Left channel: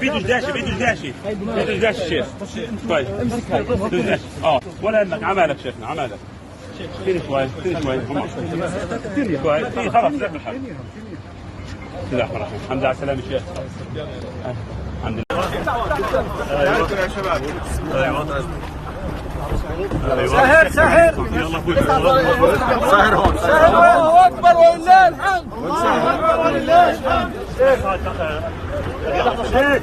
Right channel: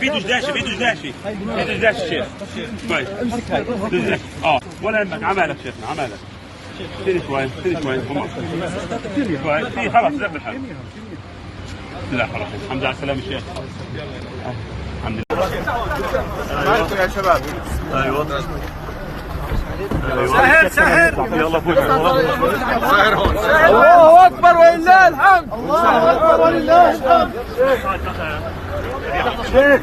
فيديو داشي الشيخ كويس. امسك هاي ولا يهمك. عمالك شيخنا عمالك. سيري شوي كويس. خلاص زي الحال. لا خلاص الحمد لله على السلامة شيخ. الحمد لله. ايوه يا شباب. ايوه سهر يلا فوت. الله اكبر ولله الحمد. الله اكبر ولله الحمد. شيخ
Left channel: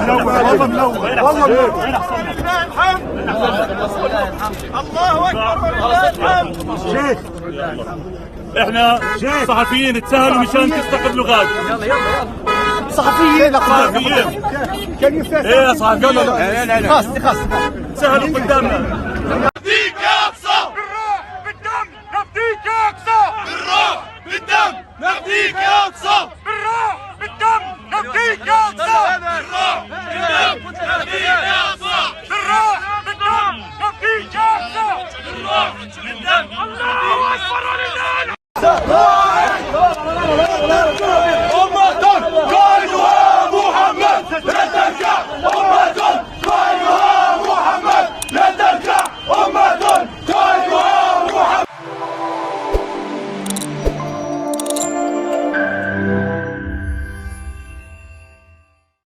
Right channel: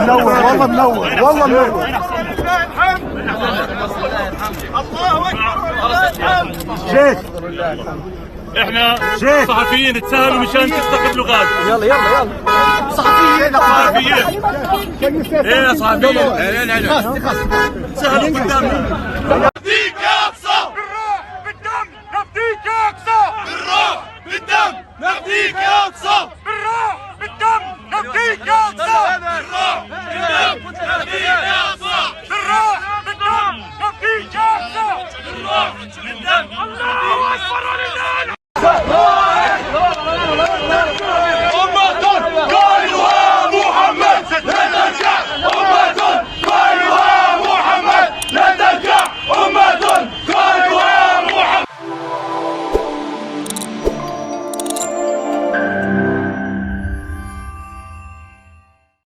منور والله منور والله منور. الله اكبر ولله الحمد. شيخ احنا صحفيين تسهلوا مشان تستقبلوا غاز. يلا صحفيين كان يفتح لا خلاص سهلوا قدامنا. نفديك يا اقصى بالروح بالدم. نفديك يا اقصى بالروح بالدم. نفديك يا اقصى.